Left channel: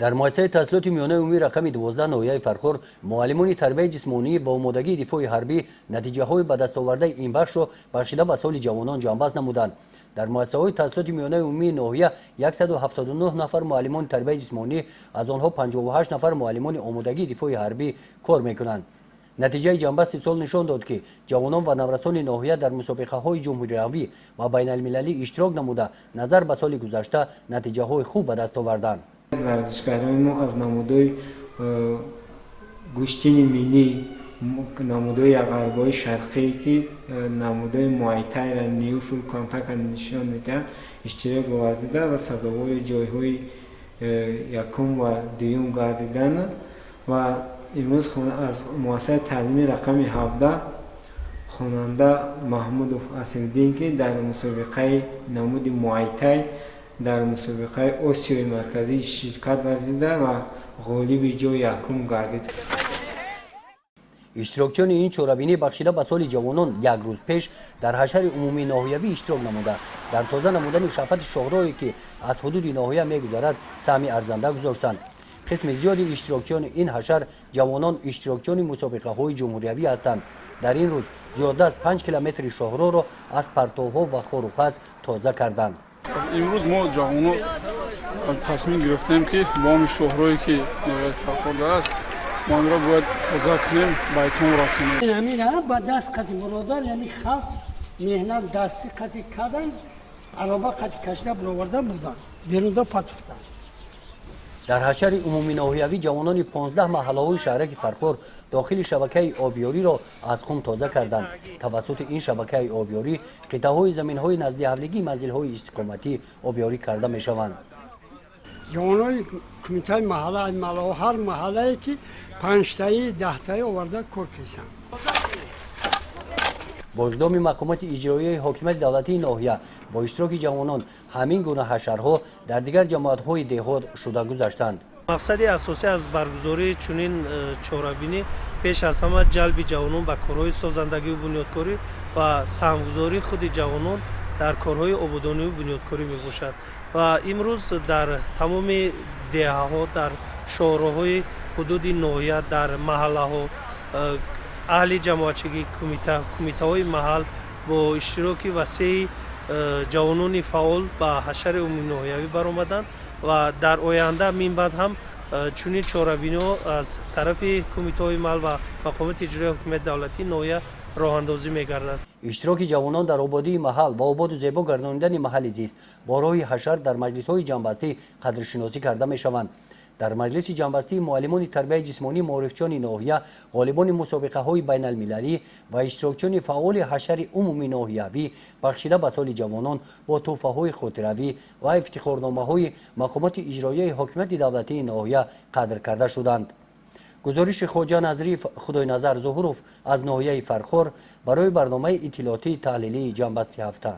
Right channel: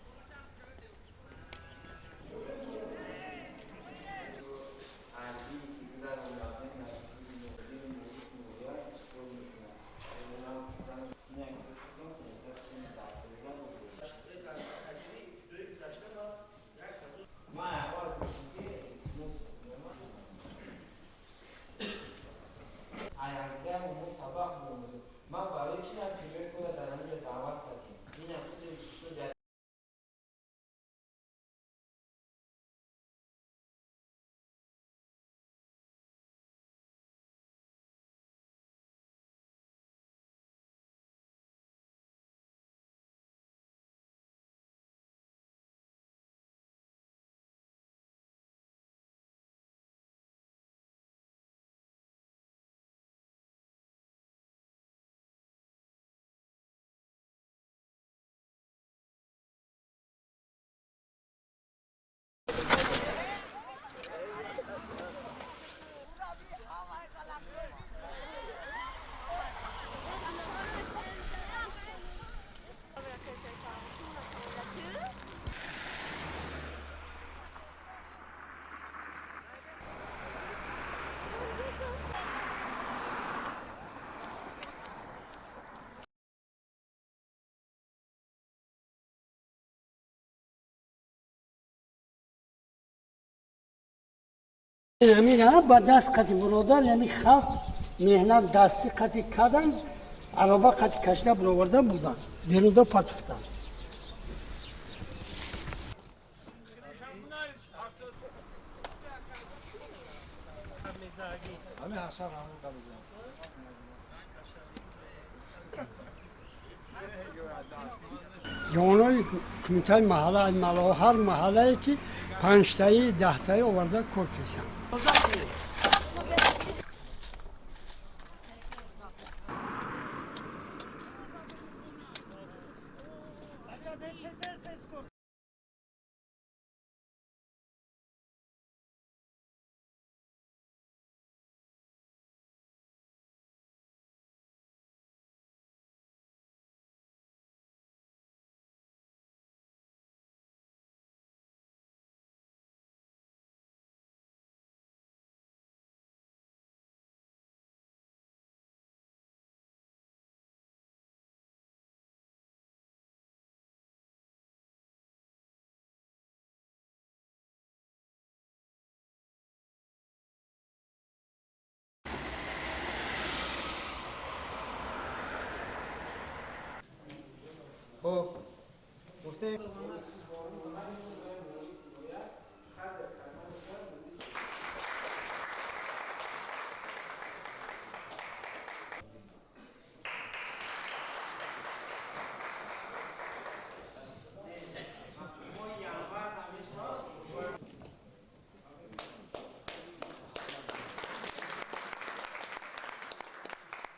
در مؤسسه تحصیلات میانه عمومی رقم 12 ناحیه فرخور معلمان تربیت جسمانی با آمادگی دفاع حربی نتیجه های به دست آورده این بخش را بخشیده به سال جوانان جانباز نمودند. در مؤسسه های تحصیلات میانه عمومی ناحیه 179 نفر معلمان تربیت جسمانی، از آنها 58 نفر معلمان آمادگی دفاع حربی کار میکنند. نتیجه جنبست سال نشان داد که جوانان و نورسان ناحیه در مسابقه های جمهوری و بین المللی اشتراک نموده نظر به سال گذشته نتیجه های خوب به دست آوردند. ورزشکاران ما از نمودهای گوشتین ملی، نمودهای غربای شرقی که نمودهای موایتای را نیو فول کانتاکت نشان میده اشتراک ورزیده و سزاوار جایهای یکم و دوم گردیدن. و امروز از مؤسسه تعلیمی رقم 17 خواننده محمود اصیل‌دین که در مسابقه نمود موایتای در مسابقه آسیای مرکزی شرکت ورزیده و غالب جای یکم گردید. اشتراکچیان این چهاربینی بخشیده به سال جوانان یک روز پیش در حشر عمومی ناحیوی اشتراک نموده در تازه نمودن شفت شاهراهی که از حدود ناحیه میگذرد سهم ارزنده گذاشتند. قسم زیادی اشتراکچیان این حشر جوانان اشتراکچیان مسابقه های جمهوری هستند. در این روز زیاده از 5 کیلومتر شاهراه را از پرتوها و خار و خس تازه کردند. امروز ما جوانان تصمیم گرفتیم که با همین شاهراهی که ناحیه فرخور است ما آن را باید تازه کنیم، به اتمام رسانیم. همین با دست قطع برادر یعنی خلق مهنت دستی قطع کردن، عربه قطع کشیده برآورده بودن، بیروندا پاتفتن. در حشر عمومی ناحیوی جوانان 15 محله های شهرک فرخور داخل شبکه آبیاری را از خم تازه کردند. توسط این شبکه آبیاری قطعه های زمین های نزدی حملگی منزل های استقامتی آبیاری کرده می شوند. جوانای کمیته محله هر محله که 5 تایی 10 تایی آورده کار کشند. با اقدام مقامات اجرایی حاکمیت دولتی ناحیه با اشتراک جوانان همین گونه حشرها در دیگر جماعت‌های دهات شده گذاشتند. مقصد اساسی از برگزاری چنین چهاربینی پیش از همه جلب جوانان به کارهای سازندگی و بنیادکاری و سهمگذاری خود جوانان در کارهای آبادانی و بنیادکاری میباشد. و امروز در تمام دهه‌ها در شهرهای حدود ناحیه در محله‌ها اهل جماعتچگی کمیته های محل با اشتراک وسیع جوانان فعال به حشر عمومی ناحیوی برآمدند و در آینده من بعد هم چنین چهاربینی‌ها از طرف کمیته های محل و مقامات اجرایی حکومت دولتی ناحیه راه اندازی می‌گردد. اشتراک جوانان در آبادی محل و آباد و زیبا گرداندن محل زیست با راه حشر در مجلس‌های جنبستی قدرشناسی کرده می‌شوند. در مجلس جنبستی معلمان تربیت جسمانی معرفچیان ناحیه، غالبان مسابقه‌های بین المللی و اشتراکچیان فعال حشر عمومی ناحیوی بخشیده به سال جوانان با تحفه‌های خاطروی و افتخارنامه‌های مقامات اجرایی حکومت دولتی ناحیه قدر کرده شدند. گزارش خواجه نظری خدای نظر ظهوروف از ناحیه فرخور برای برنامه اطلاعاتی تحلیلی جنبستی هفته.